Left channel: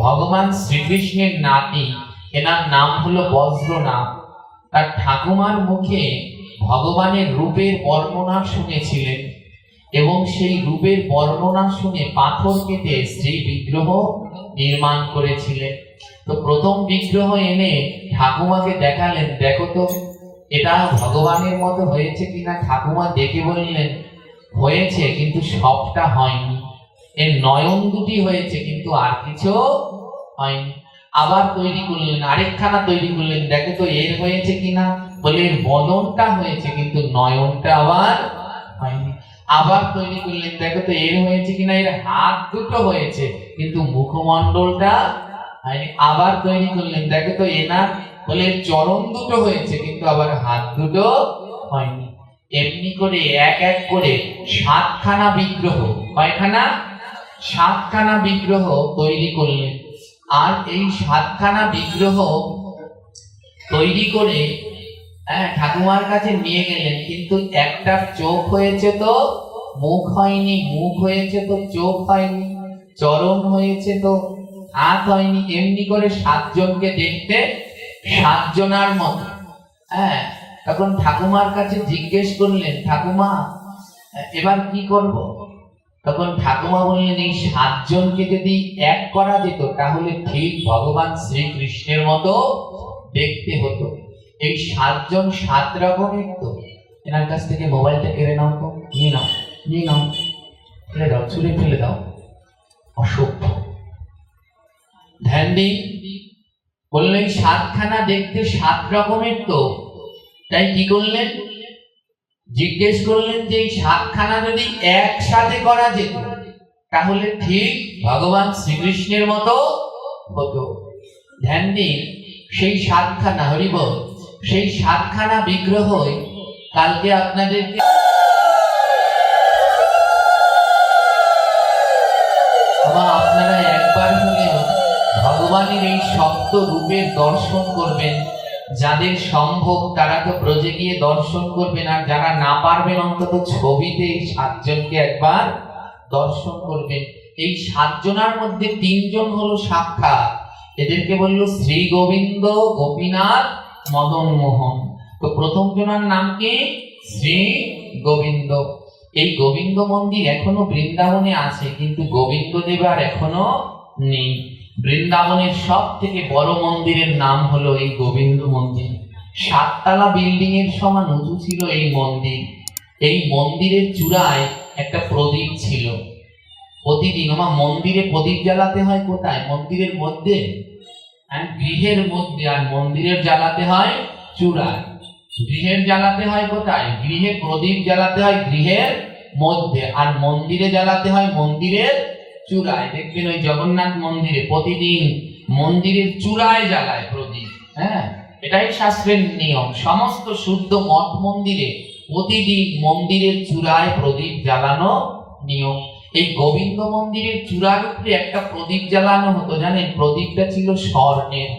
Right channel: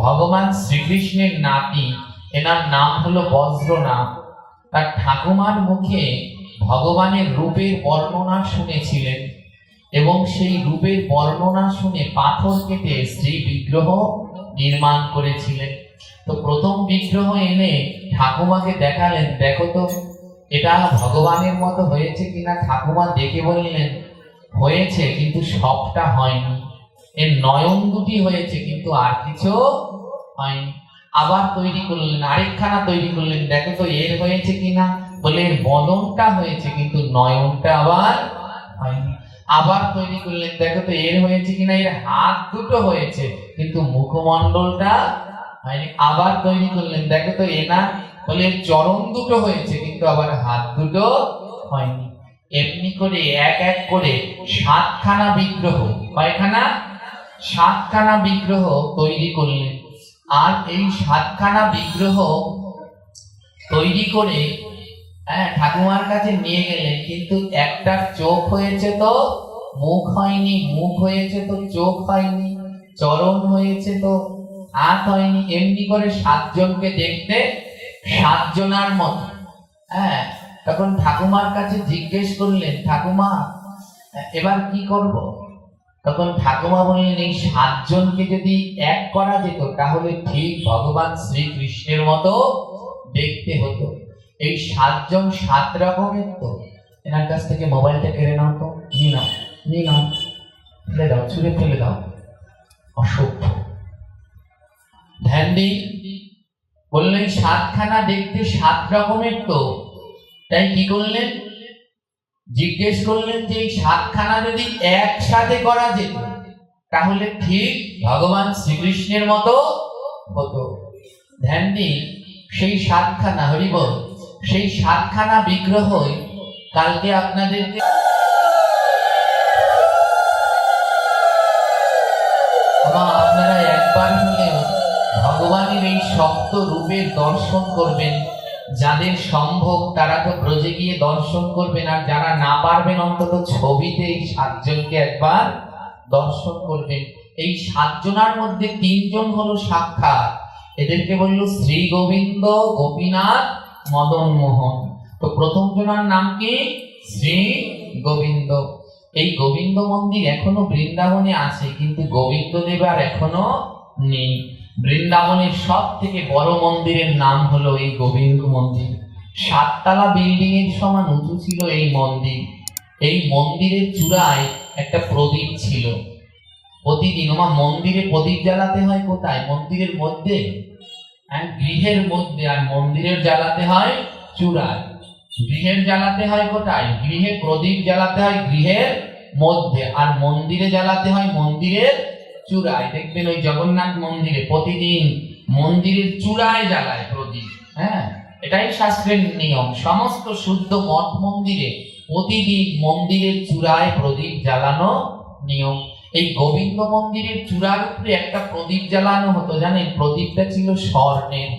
ভগবান শ্রীকৃষ্ণের নাতি, এনার নাম হলো বজ্রনাথ। তার ঠাকুমার মুখে ভগবানের রূপের বর্ণনা শুনেছিলেন এবং সেই রূপের বর্ণনা শুনে পাথর কেটে শ্রী বিগ্রহ নির্মাণ করেছিলেন। তো প্রথম বিগ্রহ এনে ঠাকুমাকে দেখালেন, দেখো তো এটা ভগবানের মতো হয়েছে কিনা। ঠাকুমা দেখে বললেন, হয়েছে কিন্তু সবটা হয়নি, এর নয়ন দুটি হয়েছে কিন্তু আর কিছু হয়নি। আবার তৈরি করলেন, আরেকখানা তৈরি করলেন, দেখো তো এর হয়েছে কিনা। বলে এর বদনটা হয়েছে কিন্তু নয়নটা আবার হয়নি। আবার তৈরি করলেন, দেখো তো এর হয়েছে কিনা, এর হাত দুটো হয়েছে কিন্তু মুখমণ্ডলটা হয়নি। আবার তৈরি করলেন, দেখো তো এনার বলে চরণ দুটো হয়েছে কিন্তু আবার হাত দুটো হয়নি। এমনি করে এক এক করে 7খানা বিগ্রহ, কয়খানা? 7খানা বিগ্রহ তৈরি করলেন। আর এই 7খানা বিগ্রহ তৈরি করে ঠাকুমার কাছে নিয়ে গেলেন, কিন্তু একটা চোখ হয়েছে তো মুখ হয়নি, মুখ হয়েছে তো চোখ হয়নি, চরণ হয়েছে তো হাত হয়নি। এমনি করে 7 জনকে দেখতে 7 জনার মতো। তখন ঠাকুমার কাছে জিজ্ঞেস করলেন, ঠাকুমা এবার কি করব? তখন ঠাকুমা বললেন, এই 7 জনকে যদি এক করা যেত তাহলে ঠিক ভগবান শ্রীকৃষ্ণের মতো দেখতে হতো। এই 7 জন 7 রকমের। তো এনার কাছ থেকে মোবাইলটা কেড়ে নাও, তো নিয়ে নাও, নিয়ে নাও, ফেলে দাও, ছুঁড়ে ফেলে দাও, অসভ্য। ধ্যান দিন। বললেন 7খানা দেখতে 7 রকমের। তো তাই কি করলেন? জিজ্ঞেস করলেন যে এই 7খানা যদি একসাথে করা যেত তাহলে ঠিক ভগবান শ্রীকৃষ্ণের মতো হতো। ধ্যান দিন। সেই 7খানা, হরিবল, সেই 7খানা বিগ্রহই কালকে আপনাদেরকে আপনারা একবার হলেও ভগবানের এই সপ্ত রূপের দর্শন করবেন। যাদের সম্ভব তারা তো ব্রজে গিয়ে দর্শন করবেন, আর যারা না পারবেন অন্তত ছবিতে এই 7 জনকে একবার দর্শন করবেন। এই 7 জনার মধ্যে 3 জন হলো সাক্ষাৎ, এদেরকে বলল শ্রী গোবিন্দ, গোপীনাথ, মদন মোহন। তো প্রথম জনার নাম কি? শ্রী গোবিন্দ। এই গোবিন্দ মন্দির এখনো বৃন্দাবনে আছে, কিন্তু গোবিন্দ দেব আর এখনো নেই। বৃন্দাবনের সব থেকে বড় মন্দিরের নাম হলো এই গোবিন্দ মন্দির। 7 তলা বিল্ডিং এর সমান উঁচু ছিল এই মন্দির। এই মন্দিরের চূড়ায় একটা প্রদীপ ছিল। প্রতিদিন মন্দিরে প্রদীপ জ্বালাতে হয় কোথায়? মন্দিরের মধ্যে, গৃহের মধ্যে। আর মন্দিরের জ্বালাতে হয় চূড়ায়। গৃহের জ্বালাতে হয় কোথায়? গৃহে প্রদীপ জ্বালাতে হয় গৃহের মধ্যে, আর মন্দিরে জ্বালাতে হয় মন্দিরের চূড়ায়। দেখবেন ওই জগন্নাথ মন্দিরে প্রতিদিন মন্দিরের চূড়ায় জ্বালায় প্রদীপ। এটাই শাস্ত্রের নিয়ম। সমস্ত শুদ্ধ মঠ মন্দিরে প্রতিদিন মন্দিরের চূড়ায় প্রদীপ জ্বালানো নিয়ম। এই গোবিন্দ মন্দিরের চূড়ার উপরে একটা প্রদীপ জ্বালানো হতো, জানেন? প্রদীপটা ছিল স্বর্ণের।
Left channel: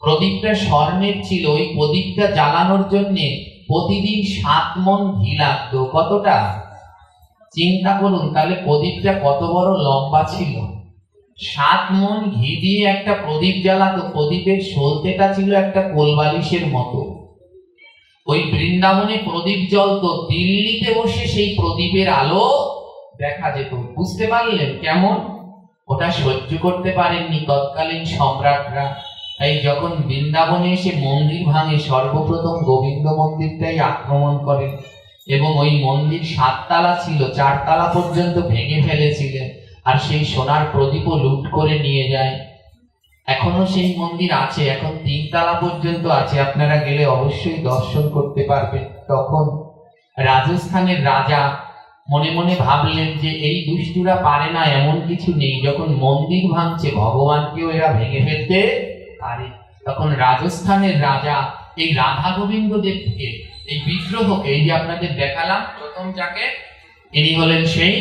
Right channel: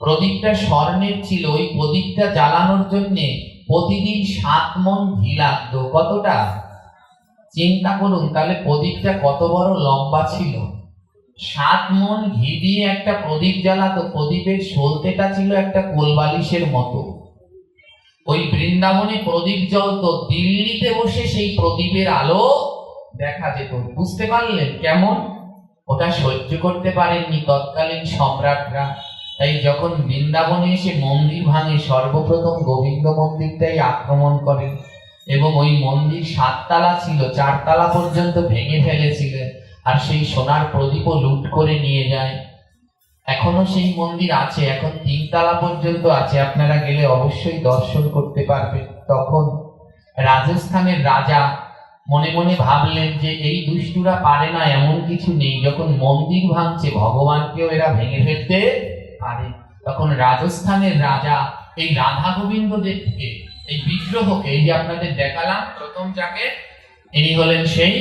প্রদীপটা স্বর্ণের ছিল। ওই প্রদীপটা জ্বালানোর জন্য প্রতিদিন 7 মণ ঘি লাগতো। কতটা? চিন্তা করুন তাহলে প্রদীপটা কত বড় লম্বা ছিল। 7 মণ ঘি দিয়ে একটা প্রদীপ জ্বালাতো। প্রদীপের সলতেটা ছিল একটা কোলবালিশের মতো। ওই বৃন্দাবনে প্রদীপ জ্বলতো, দিল্লিতে বসে সেই প্রদীপের আলো দেখা যেত। বুঝতে পারলেন কেমন? ওটা সহ্য করতে পারেননি তৎকালীন সম্রাটরা। তাই যখন বৃন্দাবনে এসে মন্দির ভাঙে, সর্বপ্রথম গোবিন্দ মন্দিরটাই আক্রমণ করেন এবং ওই মন্দির 7 তলা ছিল, 4 তলা পর্যন্ত ভেঙে ফেলেছিলেন। আর সেই সোনার প্রদীপও লুট করে নিয়ে যায়। এখনো সেই মন্দির আছে, এখন 3 তলা পর্যন্ত আছে। আপনারা গেলে অবশ্যই দর্শন করতে পারবেন। তখন রাজস্থানের রাজা মনে মনে ভাবলেন যে এই দুষ্টুরা পারে না, এমন কিছু নেই। যখন মন্দির ভাঙছে ভগবানকেও এরা ভেঙে ফেলতে পারে। তখন রাজস্থানের রাজা এই রাধা গোবিন্দ দেবকে, এই বিগ্রহকে, এই যে আপনাদের দেখালাম প্রথম যাকে, ইনি হলেন সেই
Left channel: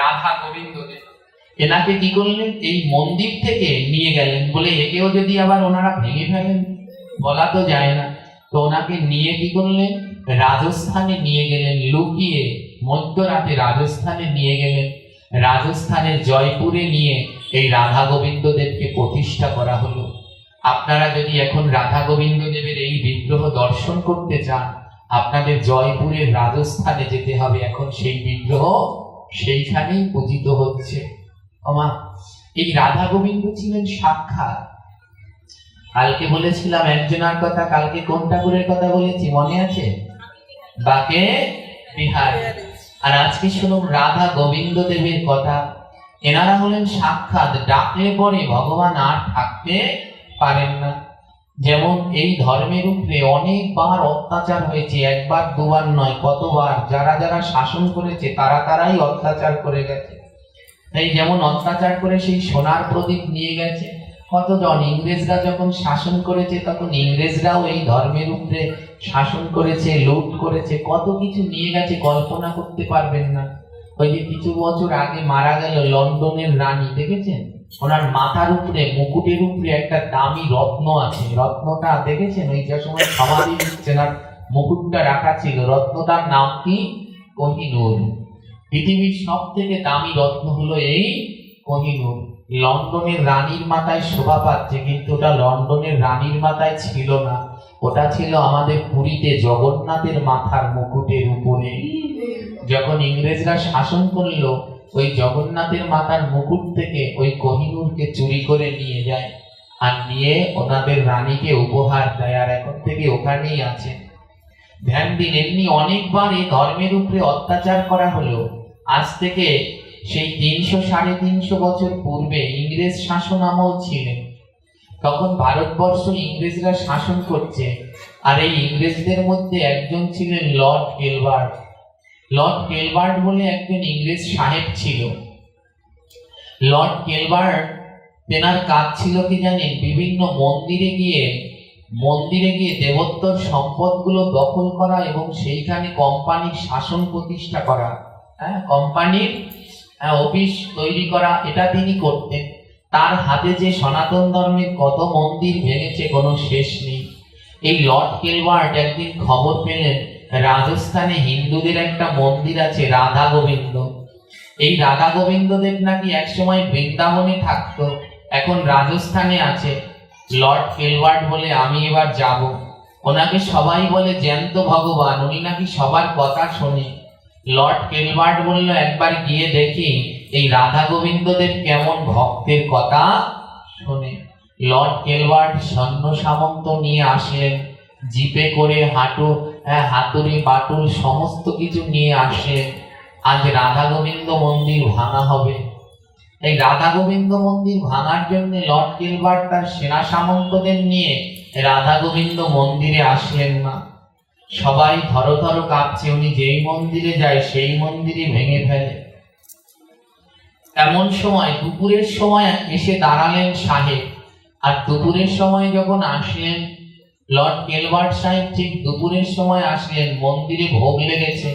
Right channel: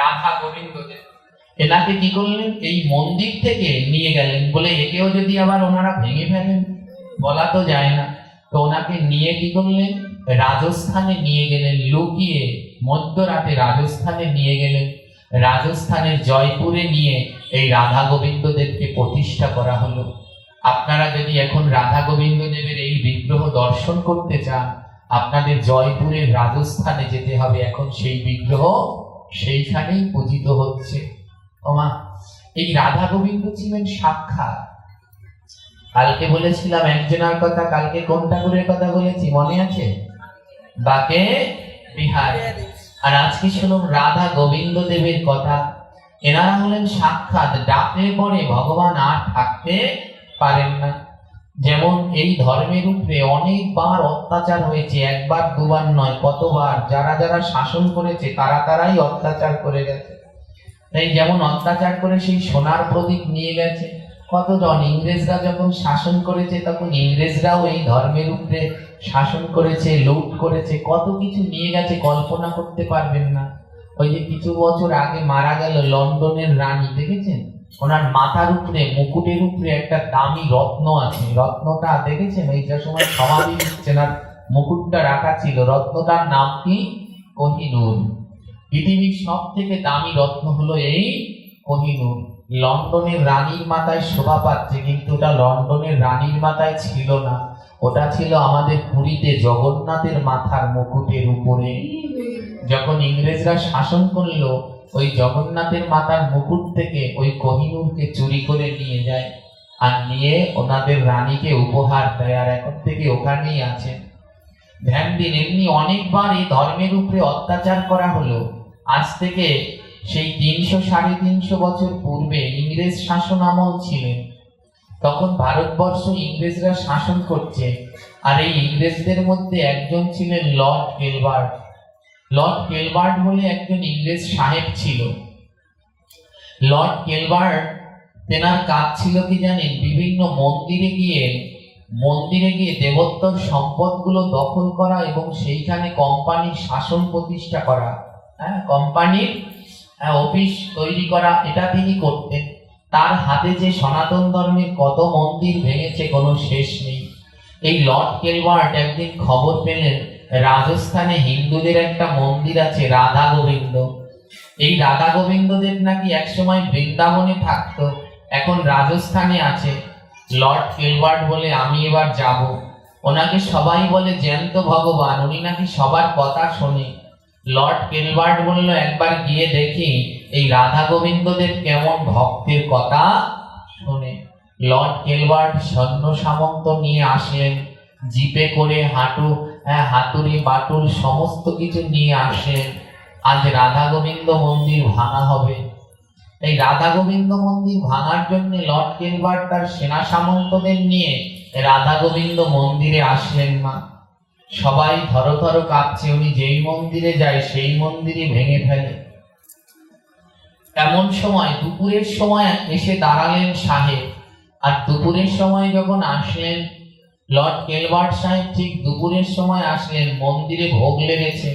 রাধা গোবিন্দ দেব। এনাকে কি করলেন? এই মন্দির থেকে নিয়ে গেলেন। বলে একেও যদি আবার ওনারা ভেঙে ফেলেন, বলা তো যায় না। তো ওনাকে নিয়ে কি করলেন? রাজস্থানে নিয়ে গেলেন। লুকিয়ে মধ্যরাতে রাজস্থানে নিয়ে গেলেন। রাজস্থানের জয়পুরে নিয়ে এই রাধা গোবিন্দ দেবকে প্রতিষ্ঠা করা হলো। আপনারা যদি এখন রাধা গোবিন্দ দেবের এই বিগ্রহ দর্শন করতে চান, আপনাদের জয়পুরের রাজস্থানে যেতে হবে। এখন সেই বিগ্রহ সেইখানেই পূজিত হচ্ছে। ওমা, এই রাধা গোবিন্দ ছিলেন সাক্ষাৎ। কালকে বলেছিলাম একজনের কথা, কালকে কোন ঠাকুরের কথা বলেছি মনে আছে? বাকে বিহারী। আর আজকে শুনুন রাধা গোবিন্দ দেবের কথা। এনারা হলেন সাক্ষাৎ, ডাকলে পরে ভগবান আর থাকতে পারেন না। যেমন এই ধর্মের উপরে অনেকবার অত্যাচার হয়েছে, একবার দুবার নয়, কতবার। যারা যারা শাসন করেছে তারাই অত্যাচার করে গেছে। তাই যেমন অত্যাচার করে সেই সোনার প্রদীপ নিয়ে গেছে কতজন। ইংরেজরা যখন শাসন করেছে তখন ইংরেজরাও এই ধর্মের উপরে শাসন করেছে, লুট করেছে, কত কিছু নিয়ে গেছে, কল্পনা করতে পারবেন না। ওই যে কিছু বছর আগে মারা গেল লন্ডনের রানী, দেখেছেন? ওনার মাথার উপরে মুকুটের উপরে একটা দামি রত্ন আছে। রত্নটা দেখেছেন? ওই যে সময় সমাধি দিচ্ছেন আর মুকুটটা রাখা ছিল, রত্নটার নাম কি? কোহিনূর। পৃথিবীর সব থেকে দামি রত্ন হলো এই কোহিনূর। লন্ডনের রানীর মাথায় শোভা পাচ্ছে, কিন্তু ওটা লন্ডনের রানীর মাথায় ছিল না, ওটা ছিল আমাদের পুরীতে জগন্নাথের মাথার মুকুটের উপরে। যখন ইংরেজরা শাসন করলো, ওই জগন্নাথের মাথার মুকুট থেকে ওই কোহিনূরকে চুরি করে নিয়ে যায়, আর নিয়ে ওনাদের রানীকে উপহার দেয়, আর এখন থেকে ওখানেই আছে। ধ্যান দিন, এমনি অনেকবার এই ধর্মের উপরে অত্যাচার করা হলো। আজ থেকে সেই 300-350 বছর পূর্বে ইংরেজ শাসন আমল ছিলেন, তখন ভারতবর্ষ ইংরেজরা শাসন করছে। আর এই ইংরেজদের মধ্যে একজন ছিলেন লর্ড কেলবার্ট। লর্ড কেলবার্ট বলে একজন ইংরেজ সাহেব ছিল। লর্ড কেলবার্ট, তেনার কাজ ছিল কি জানেন? বিভিন্ন মন্দিরে গিয়ে দেবোত্তর সম্পদগুলো দখল করা এবং সেইখানে কোম্পানির শাসন প্রতিষ্ঠা করা, কোম্পানির অফিস তৈরি করা, এটা তিনি করতেন। তার হাতে যে সনাতন ধর্মের কত মন্দির ভেঙেছে, কোনো শেষ নেই। এই লর্ড কেলবার্ট একদিন খবর পেলেন রাজস্থানে হিন্দুদের একটা মন্দির আছে রাধা গোবিন্দ। এই রাধা গোবিন্দ দেব নাকি একসময় বৃন্দাবনে থাকতো, এখন রাজস্থানে আছে। লর্ড কেলবার্ট বলে আমি এবার যাব। ওনাকে সবাই বলে জ্যান্ত ভগবান, উনি নাকি সবার কথা শোনে। লর্ড কেলবার্ট বলল একবার গিয়ে দেখি এই রাধা গোবিন্দদের কেমন ভক্তের কথা শোনে। লর্ড কেলবার্ট সৈন্য সামন্ত নিয়ে আসলেন, জিপে করে হাতুড়ি বাটুল সমস্ত কিছু নিয়ে আসলেন। আজ রাধা গোবিন্দ মন্দির ভাঙা হবে। এই রাধা গোবিন্দ মন্দির ভাঙার জন্য লর্ড কেলবার্ট তার সেনা সামন্তদের নিয়ে রাধা গোবিন্দ মন্দিরে আসলেন না। সবাই থর কাঁপছে, উনি যেই মন্দিরে যায় সেই মন্দিরই ভেঙে ফেলে। এমন সময় দুপুরের সময় এসে দাঁড়ালেন সাহেব। আর দুপুরের সময় যখন আসলেন লর্ড কেলবার্ট সাহেব, ঠিক দুপুরের সময় আসলেন, মন্দিরে ভোগ লেগেছে।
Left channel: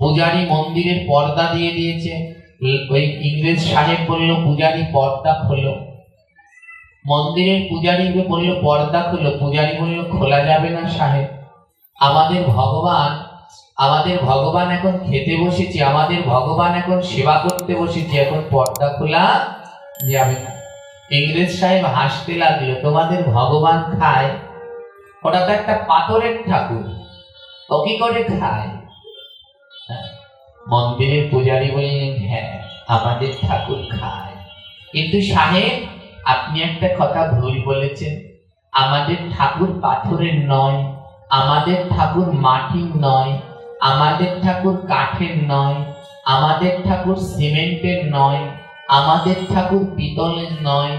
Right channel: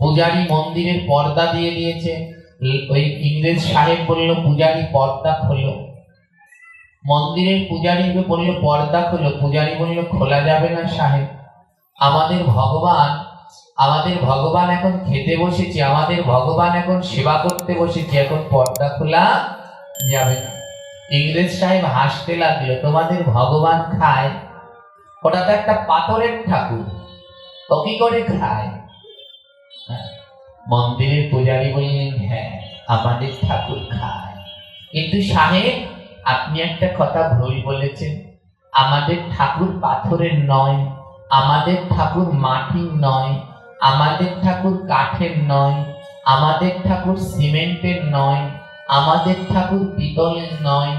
পূজারী মন্দিরের পর্দা দিয়ে দিয়েছে। ওই ইংরেজ সাহেব বলল পূজারী পর্দা খোলো। মন্দিরের পূজারীকে বলল পর্দা খোলো। পূজারী বলল খোলা যাবে না সাহেব, আমাদের ভগবান এখন খেতে বসেছি, আমাদের ভগবান এখন সেবা করতে বসেছি, এখন পর্দা খোলা যাবে না। ইংরেজ সাহেব হাসতে লাগলো, তোমাদের ভগবান খায়? ওটা তো একটা পাথরের ঠাকুর, ও কি করে খায়? মন্দিরের পূজারী বললেন হ্যাঁ, আমাদের ঠাকুর খায়, কিন্তু সাহেব আপনি একটা কথা ভুল বলেছেন। আমাদের ঠাকুর পাথরের নয়, আমাদের ঠাকুর মাটির নয়, আমাদের ঠাকুর কাঠের নয়, আমাদের ঠাকুর সিমেন্টের নয়, আমাদের ঠাকুর পিতলের নয়,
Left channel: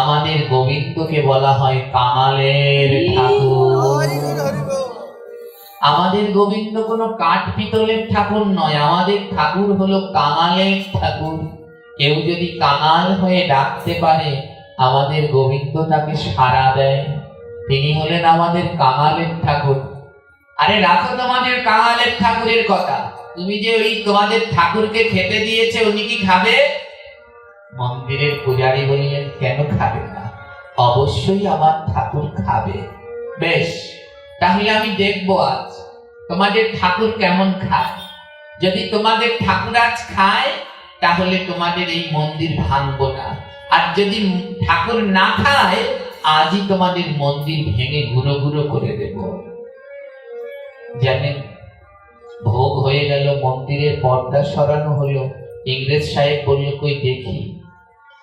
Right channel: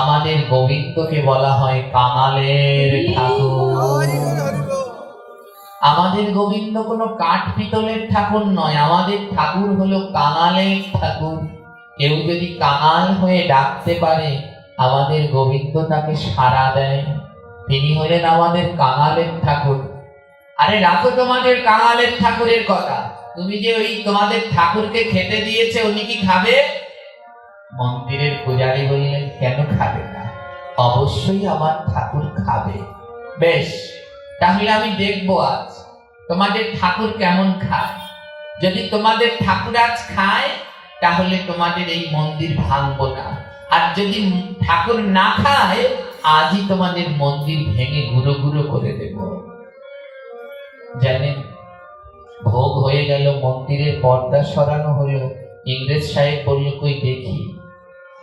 আমাদের গোবিন্দকে বলা হয় কাঙালের ঠাকুর। আমাদের গোবিন্দ কোনো কাঠ পিতলের ঠাকুর নয়, আমাদের ঠাকুর হলো কাঙালের ঠাকুর। কেউ যদি কাঙাল হয়ে ডাকতে পারে আমাদের গোবিন্দ তাকে সাড়া দেয়। তিনি হলেন আমাদের কাঙালের ঠাকুর। আরে রাখো তোমাদের কাঙালের ঠাকুরের কথা, তুমি যে ওই তোমাদের ঠাকুরকে খেতে দিয়েছে উনি কি খাবে? মন্দিরের পূজারী বললেন কেন খাবে না, অবশ্যই আমার ঠাকুর খাবে। বেশ, তাহলে আমি দেখবো আজ তোমাদের ঠাকুর কেমন খায়। যদি তোমাদের ঠাকুর আজ খায় তাহলে তোমাদের এই মন্দির ভাঙবো না, আর যদি ঠাকুর না খায়, আজই তোমাদের মন্দির ভেঙে গুঁড়ো গুঁড়ো করে দেব। জানেন, ভোগ হয়ে গেল, মন্দিরের পর্দা সরানো হলো, ইংরেজ সাহেব বলল, কই দেখি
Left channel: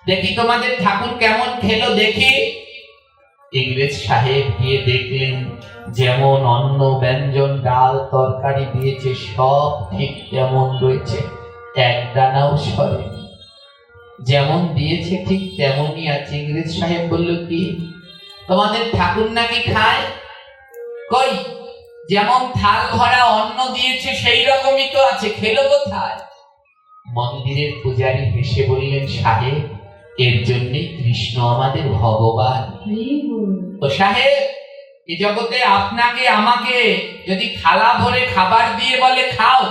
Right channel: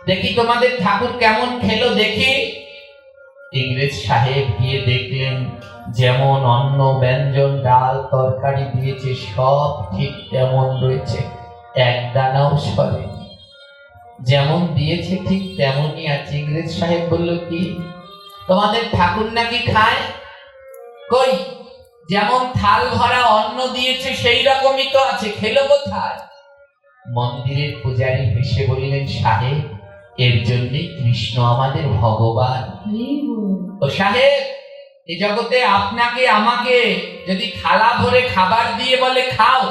দেখি তোমাদের ঠাকুর কেমন খেলো দেখি। ইংরেজ সাহেব গিয়ে দেখলেন যেমন অন্ন ব্যঞ্জন ডাল তরকারি দিয়েছে সব ঠিক তেমন রয়েছে, এক দানাও সরেনি, যেমন দিয়েছে ঠিক তেমনই আছে। ইংরেজ সাহেব বলল, কি তোমাদের ঠাকুর নাকি খায়? কই, যেমন থাল ভরা অন্ন দিয়েছে সেই রকমই তো আছে, খেলো কোথায়? মন্দিরের পূজারী হেসে বললেন, সাহেব, এর জন্যে কৃষ্ণ আমাদের ভগবান। ও সাহেব, এই জগতে আপনাকে আমাকে যদি থালা ভরে খাবার দিয়ে বলে খাও,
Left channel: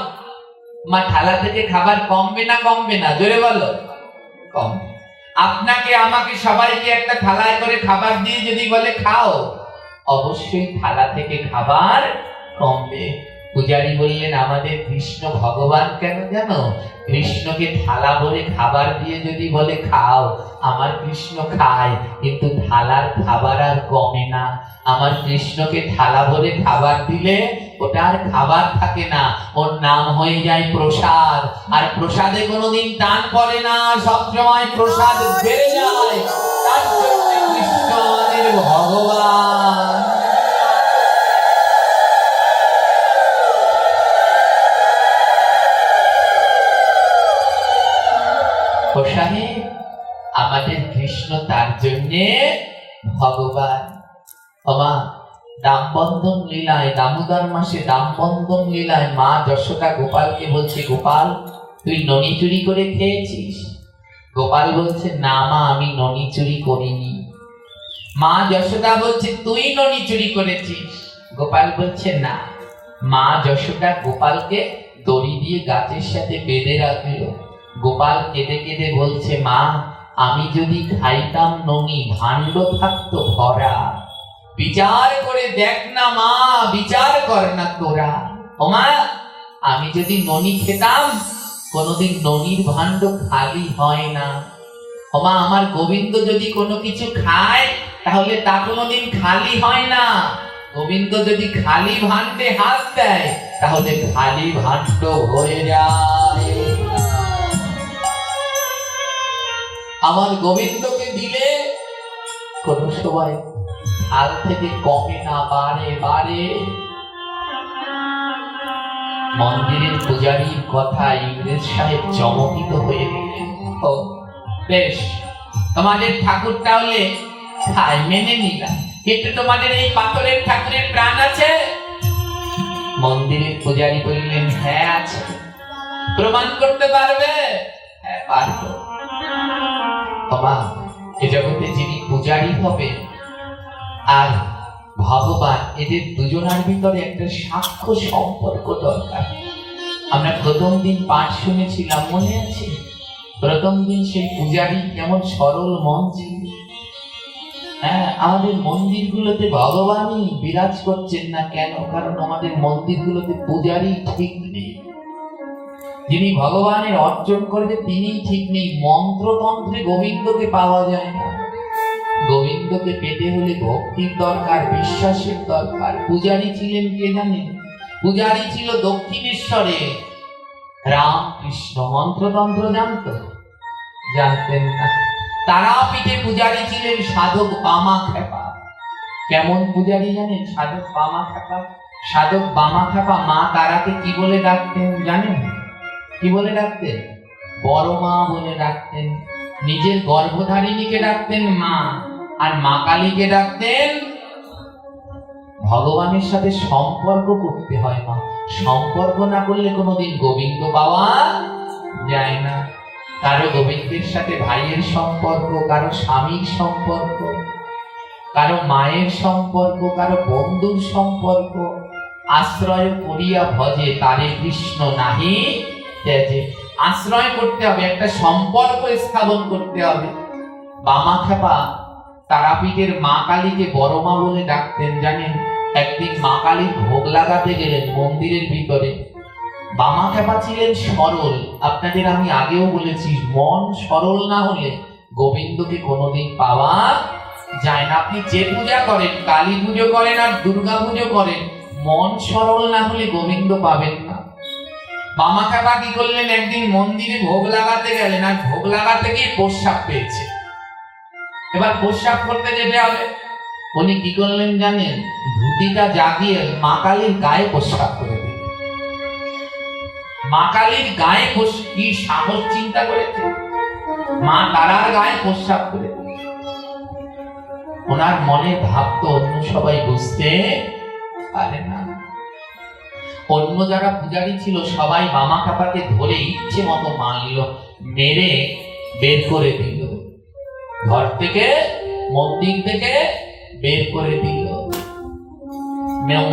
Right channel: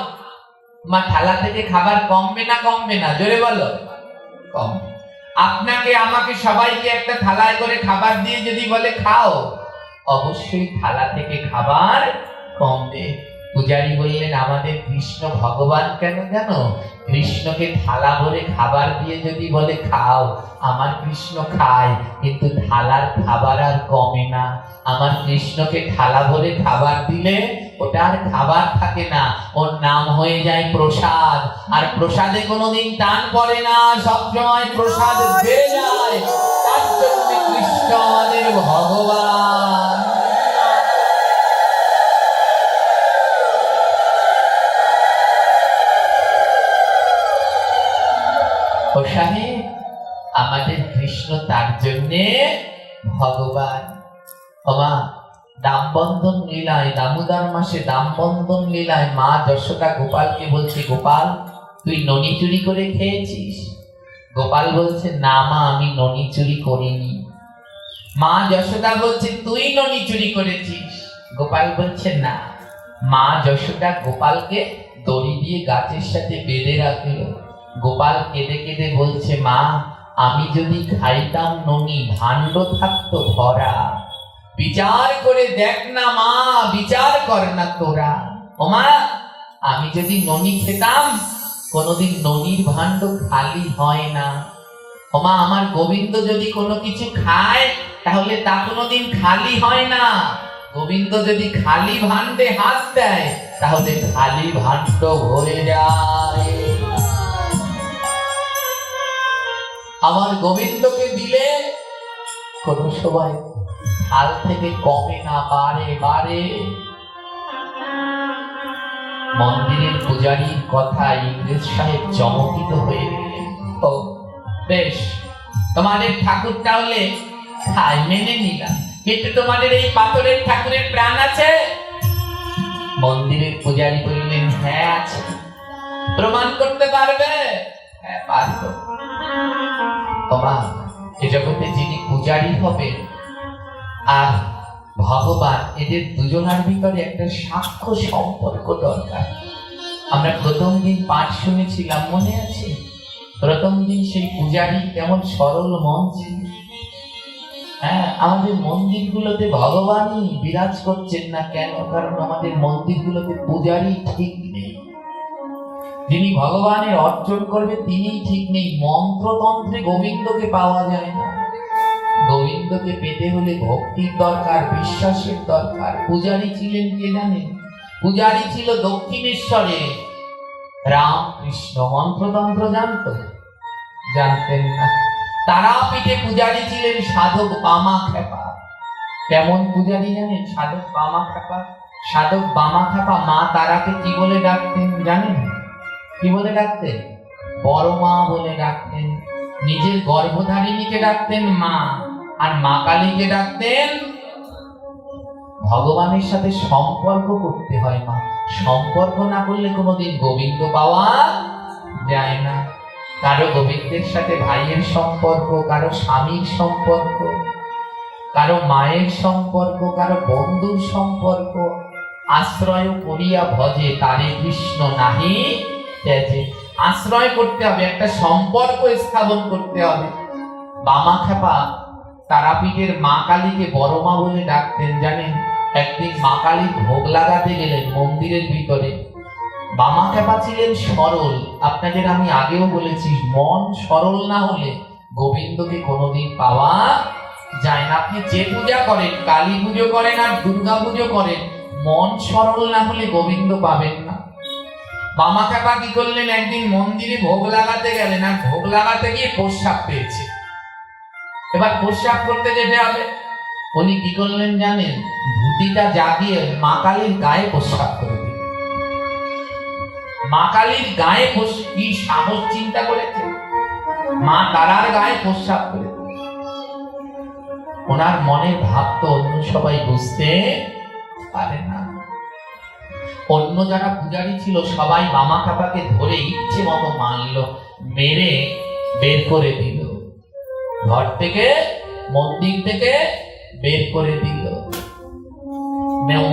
মা থালা থেকে খাবার কমবে না? কমবে না? জোরে বলো, কমবে। আপনাকে আমাকে সবাইকে একটা থালায় করে খাবার দিয়ে যদি বলে খাও, অবশ্যই থালা থেকে খাবার কমবে। পূজারী বললেন, আমাদের কৃষ্ণ ভগবান কেন জানো? কৃষ্ণকে থালা ভরে খাবার দিয়ে যদি বলে খাও, আমার কৃষ্ণ খায়, কিন্তু থালার খাবার আর কমে না। আমার কৃষ্ণকে থালা ভরে খাবার দিলে ওটা আর খাবার থাকে না, ওর নাম হয়ে যায় প্রসাদ। আর প্রসাদে কোনোদিন টান পড়ে না, সবসময় প্রসাদ বেড়ে যায়। তার জন্য কৃষ্ণ আমাদের ভগবান। সাহেব, আমাদের কৃষ্ণ তার জন্যে ভগবান। মা, দামবন্ধন লীলায়, দামোদর মাসে দামবন্ধন লীলায় মা যশোদা গোপালকে বলছে, গোপাল, তুই ননি চুরি করে খেয়েছিস? গোপাল বলছে, না মা, আমি ননি চুরি করিনি। মা যশোদা বলছে, তুই ননি চুরি করেছিস? গোপাল বলছে, না। মা যশোদা গোপালকে দড়ি দিয়ে গাছের সাথে বেঁধে রাখলো। গোপাল কেঁদে কেঁদে বলছে, মা, আমি যদি খাইতাম ননি, ভাণ্ড থাকতো ভরা। বিচার করে দেখ না মা, বিচার কর না তোরা। ও মা, আমি যদি ননি খেতাম, কোনোদিন ননির ভাণ্ড খালি হয় না। ও মা, আমার গোবিন্দ যদি কোনো কিছু খায়, তাহলে তা কোনোদিন খালি হয় না। গোবিন্দ যদি খালি ভাণ্ডে হাত দেয়, তাহলে খালি ভাণ্ড হয়ে যায়। আমার গোবিন্দকে দিলে কোনো সময় থাল থেকে কমে না, বাড়ে বাড়ে। মন্দিরের পূজারীর কথা ইংরেজ সাহেব চমকিত হয়ে গেলেন। ও বেশ, তোমাদের ঠাকুর তাহলে খায়, মেনে নিলাম, কিন্তু তোমাদের এই পাথরের ঠাকুরের প্রাণ আছে? মন্দিরের পূজারী বললেন, হ্যাঁ আছে। প্রমাণ করতে পারবে? হ্যাঁ, পারবো। বাবা, এ জগতে যিনি পূজারী হবেন আর ভগবান, এদের দুজনের ভিতরে একটা সাক্ষ্য সম্পর্ক দরকার। আমরা প্রথম দিন পাঠ শুনেছিলাম, মনে আছে? প্রথম দিন সেই পূজারী কেমন সরল মন ছিল। হ্যাঁ, আমাদের মন্দিরগুলোতে ভগবানই বিরাজ করছেন না কেন? কারণ আমাদের মন্দিরগুলোতে পূজারী ঠিক নেই। যিনি ভগবানের অর্জন করবে তিনি ঠিক নেই। মন্ত্রতন্ত্রে গোবিন্দকে পাওয়া যায় না। গোবিন্দকে পেতে হলে ভক্তির দরকার, বিশ্বাসের দরকার। পূজারী ছিলেন কে জানেন? পূজারী ছিল দক্ষিণেশ্বরে রামকৃষ্ণ। মন্ত্রতন্ত্র জানত? জানতেন না। তারাপীঠে পূজারী ছিলেন সাধক বামাখ্যাপা। কেমন পূজারী জানেন? সাধক বামাখ্যাপা। সাধক বামাখ্যাপা মা তারাকে কি বলে ডাকতেন জানেন? কি বলে ডাকতেন? বড় মা বলে ডাকতেন। নিজের গর্ভধারিণীকে ডাকতেন মা, আর মা কালীকে ডাকতেন। ভগবানের সাথে সম্পর্ক করতে হয় মা, সম্পর্ক না করলে কোনোদিন গোবিন্দ পাওয়া যায় না। কারো গোবিন্দের সাথে ভাইয়ের সম্পর্ক, কারো স্বামীর সম্পর্ক, কারো মায়ের সম্পর্ক, কারো বন্ধুর সম্পর্ক। আশ্রয় করিয়া ভজে তারে কৃষ্ণ নাহি ত্যাজে। আশ্রয় করতে হবে, একটা সম্পর্ক স্থাপন করতে হবে। বামাখ্যাপা তারাপীঠের মা কালীকে বড় মা বলে ডাকতেন জানেন? একদিন মা কালীর ভোগ লাগাতে গেলেন মন্দিরের ভিতরে। বামাখ্যাপা ছিলেন সরল। আপনাদের আমি আগেও বলেছি, মন সরল না হলে গোবিন্দকে কোনোদিন পাওয়া যায় না। আপনি যে পূজা করেন, কালী পুজো করেন আর দুর্গা পুজো করেন, মন সরল না হলে গোবিন্দ পাবেন না। বামাখ্যাপা কি করলেন, একদিন মন্দিরে ভোগ লাগাতে গেলেন, আর ভোগ লাগাতে গিয়ে প্রস্রাব পেয়েছে। এবার প্রস্রাব করতে যেতে হবে, উনি কি করলেন জানেন, ধুতিটা জাগিয়ে মা কালীর গায়ে প্রস্রাব করে দিলেন। মা কালীর গায়ে কি সাহস চিন্তা করেছে, মা তারার গায়ে প্রস্রাব করে দিলেন। ওনার মনের ভাব তো অন্য সবাই বুঝতে পারে না। অন্য যারা পূজারী ছিল সবাই বামাখ্যাপাকে ধরে ইচ্ছে মতো মারল, মেরে বের করে দিল, ঘর থেকে মন্দির থেকে বের করে দিল,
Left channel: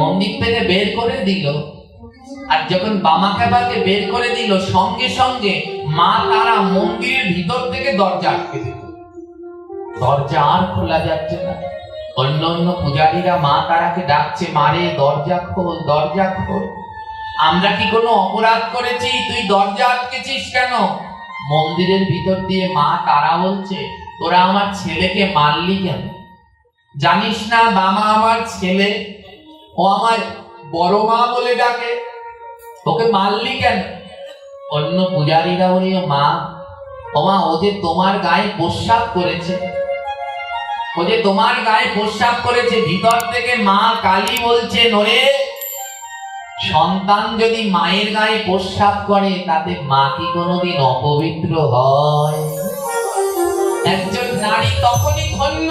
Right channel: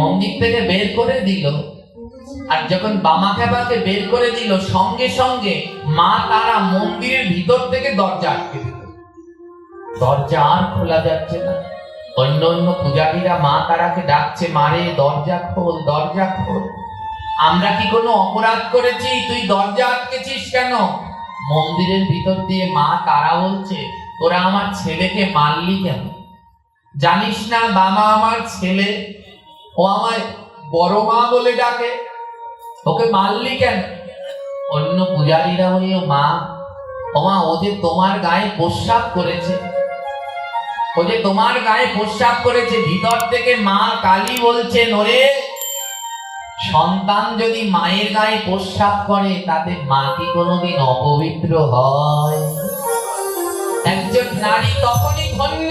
মন্দির থেকে বের করে দিল। আর যখন বামাখ্যাপাকে বের করে দিল, সঙ্গে সঙ্গে মা তারা মন্দিরের ভিতর থেকে দরজা আটকে দিল, দরজা আর খোলা যাচ্ছে না। অন্য অন্য পূজারীরা মা তারাকে ডাকছে, মারে দরজা খোল, দরজা খোল, আমরা কি কোনো অপরাধ করেছি, তুই দরজা আটকেছিস কেন? মন্দিরের ভিতর দিয়ে মা তারা বলছে, তোরা আমার ছেলেকে মারলি কেন? জানিস না বামা আমার ছেলে, ও আমার বড় মা বলে ডাকে, ওকে মারলি কেন? অন্য পূজারীরা বলল, মা ও মা, ও যে তোমার গায়ে প্রস্রাব করেছে, ও যে তোমার গায়ে প্রস্রাব করেছে। ভিতর থেকে মা কালী বলছে, ওরে সন্তান যদি মায়ের গায়ে প্রস্রাব করে, তাতে মা কি কোনোদিন অপবিত্র হয়? একজন নারী তখনই ধন্য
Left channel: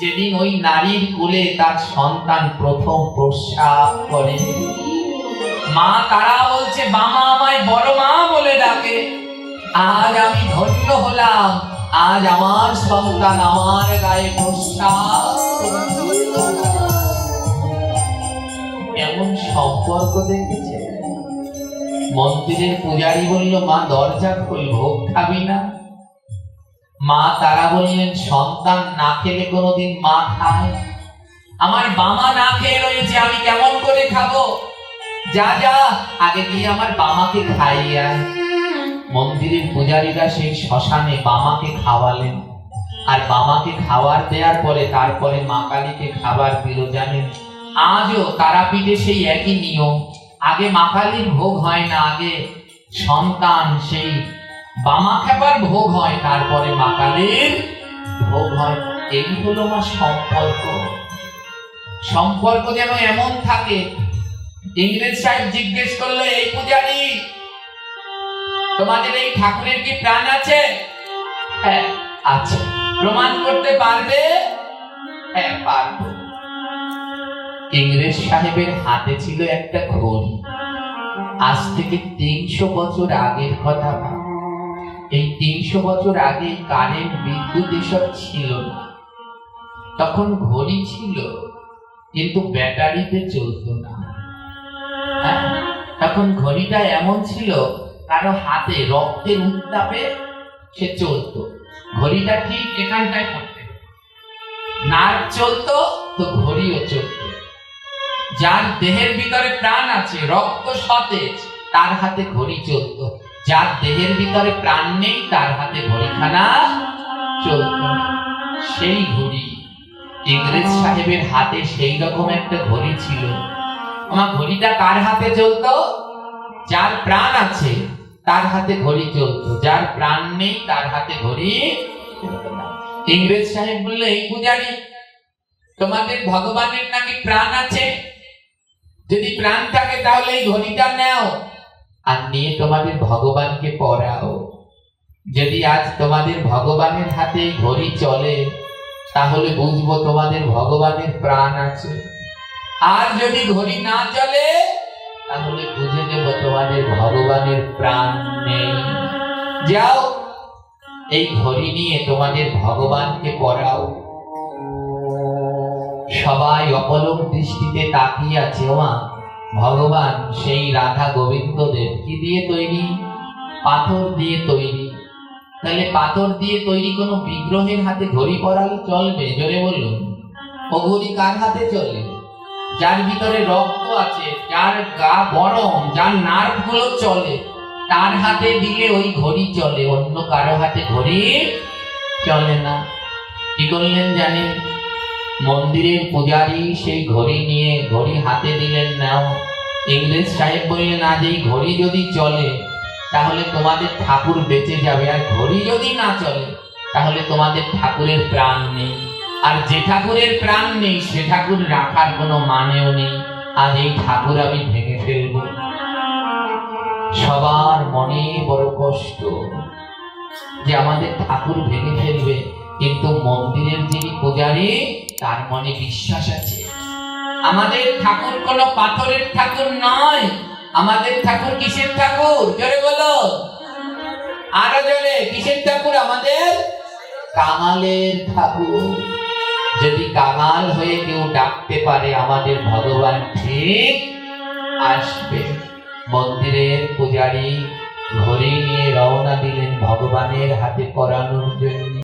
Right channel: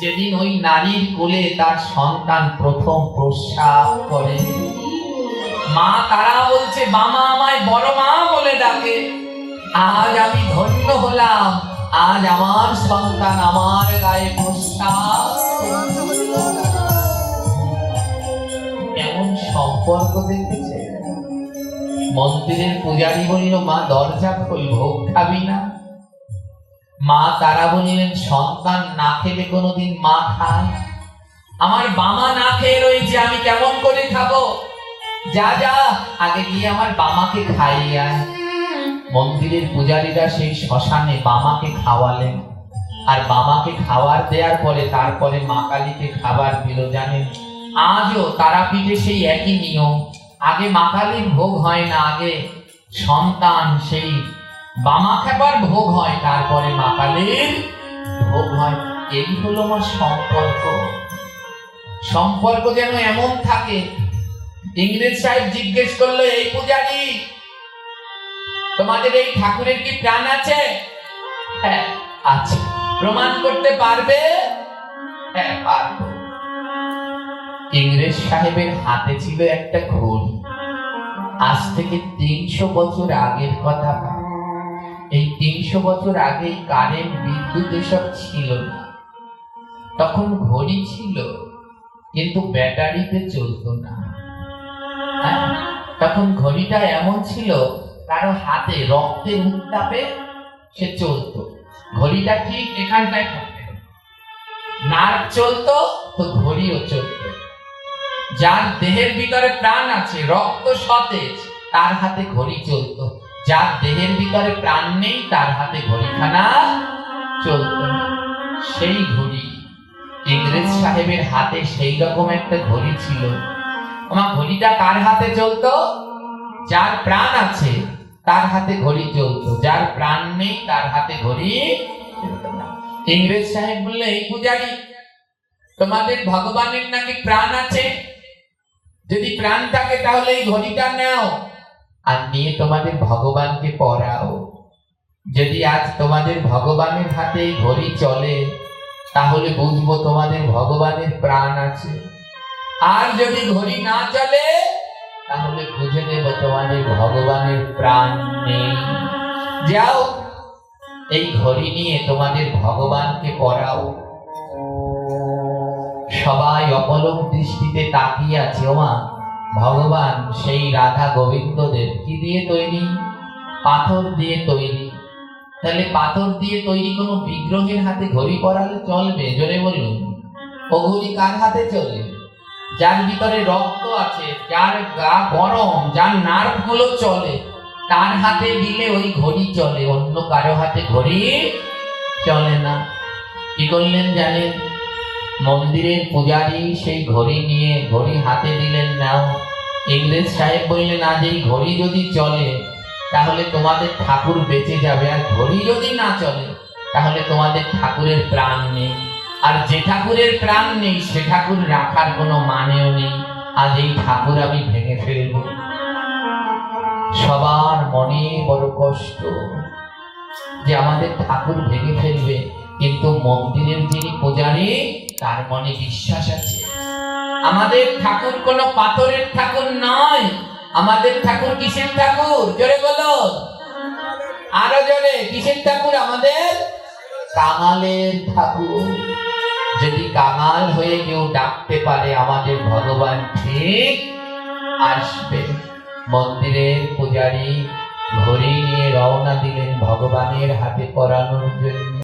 যেদিন ওই নারীর কোলে তার সন্তান প্রথম প্রস্রাব করে। মা তারা বলছে, বামা আমায় বড় মা বলে ডাকে, আজ আমি ধন্য হলাম, আজ আমার সন্তান আমার গায়ে প্রস্রাব। এমন সম্পর্ক দেখেছে। মন্দিরের পূজারী বলল, মা দরজা খোল, ভোগ খাবি না? মা তারা বললেন, সন্তান না খেলে কোনোদিন মা খায়? আমার বামা না খেয়ে রয়েছে, আমি কেমন করে খাবো? যা যা, আগে গিয়ে আমার বামাকে খাইয়ে আয়। মন্দিরের পূজারীরা সেই শ্মশানে বামাকে খাওয়ালেন, আর বামাকে খাবার দেওয়ার পরে তারপরে মা কালীকে খাবার দিল। জানেন, আজও তারাপীঠে সেই একই নিয়ম, আগে মা কালীর ভোগ হয় না, আগে সন্তান সেই বামাখ্যাপার ভোগ হয়, তারপরে মা কালীর ভোগ হয়। এই হলো আমার সম্পর্ক। সম্পর্ক যেন এমন থাকে। ইংরেজ সাহেব জিজ্ঞেস করলো, এই পূজারী, তোমাদের এই ঠাকুরের কি প্রাণ আছে? হ্যাঁ আছে। প্রমাণ করতে পারবে? হ্যাঁ পারবো। ইংরেজ সাহেবের হাতে ছিল একটা ঘড়ি। আজ থেকে 300 বছর আগের কথা। এই 300 বছর আগে কারেন্ট, বিদ্যুৎ এসব ছিল না। তখন ঘড়ি ছিল, কিন্তু ব্যাটারিতে চলতো না। তখন ঘড়িটা এমন ছিল, কারো হাতে রক্তের উত্তাপে সে চলতো। ঘড়িটা ঠিক এখানটায় পড়তে, নার্ভ চলতো তো ঘড়িও চলতো। যার দেহের ভিতরে প্রাণ আছে, রক্ত সতেজ, তার হাতে ঘড়ি চলতো। যার দেহের ভিতরে প্রাণ নেই, তার হাতে ঘড়িখানা চলতো। সেই ঘড়ি ইংরেজ সাহেবের হাতে সেই রকম একটা ঘড়ি ছিল। আমার ঘড়িটা কার হাতে চলতো? যার প্রাণ আছে তার হাতে ঘড়ি চলতো, যার প্রাণ নেই তার হাতে ঘড়ি চলতো না। ইংরেজ সাহেব বললে, এই পূজারী, তোমাদের ভগবানের নাকি প্রাণ আছে, যদি প্রাণ থাকে তাহলে এই ঘড়িটা নাও আর নিয়ে তোমাদের ভগবানকে পড়াও। যদি আজ তোমাদের ভগবানের হাতে ঘড়ি চলে, তাহলে বুঝবো তোমাদের ভগবানের প্রাণ আছে। আর যদি ঘড়ি না চলে, তাহলে বুঝে নেব তোমাদের ভগবানের প্রাণ নেই। যাও, এই ঘড়ি নিয়ে তোমাদের ভগবানকে পড়াও। সবাই অপলক দৃষ্টিতে তাকিয়ে আছে। ওমা, ভগবান সেই রাধা গোবিন্দদের কি দিয়ে তৈরি? পাথর দিয়ে তৈরি। তাহলে পাথর দিয়ে তৈরি কোনো বিগ্রহের হাতে ঘড়ি পরালে চলবে? জোরে বলুন। ও ঘড়ি কার হাতে চলে? যার ভিতরে রক্ত আছে, যার গা গরম, যার নার্ভ গুলো চলে, তার হাতে দিলে ওই ঘড়ি চলে। অন্য কারো হাতে ঘড়ি চলে না। কি করলেন জানেন? মন্দিরের পূজারী সেই ঘড়ি নিয়ে ঘড়ি হাতে দিলেন, নাও। ইংরেজ সাহেব বললেন, আজ এই ঘড়ি যদি চলে তাহলে তোমাদের ঠাকুর বেঁচে যাবে, আর ঘড়ি যদি না চলে তাহলে তোমাদের ঠাকুরের প্রাণ নেই, আর যে ঠাকুরের প্রাণ নেই সে ঠাকুর রাখার কোনো মানেও নেই। আজ এই ঠাকুর আমি ভেঙে ফেলবো। সবার মনে বড় কষ্ট যে আমাদের ঠাকুর ভেঙে ফেলবে, কিন্তু মন্দিরের যিনি পূজারী তার মনে বিশ্বাস আছে, আমাদের ঠাকুর কোনো পাথরের ঠাকুর নয়, আমাদের ঠাকুর কিসের ঠাকুর? জোরে বলো, আরো জোরে, কিসের ঠাকুর? আমাদের কাঙালের ঠাকুর। যদি কাঙাল হয়ে কেউ ডাকতে পারে আমাদের ভগবান ঠিক আসবে। মন্দিরের পূজারী ঘড়ি নিয়ে রওনা দিলেন ভগবানের হাতে পরানোর জন্য।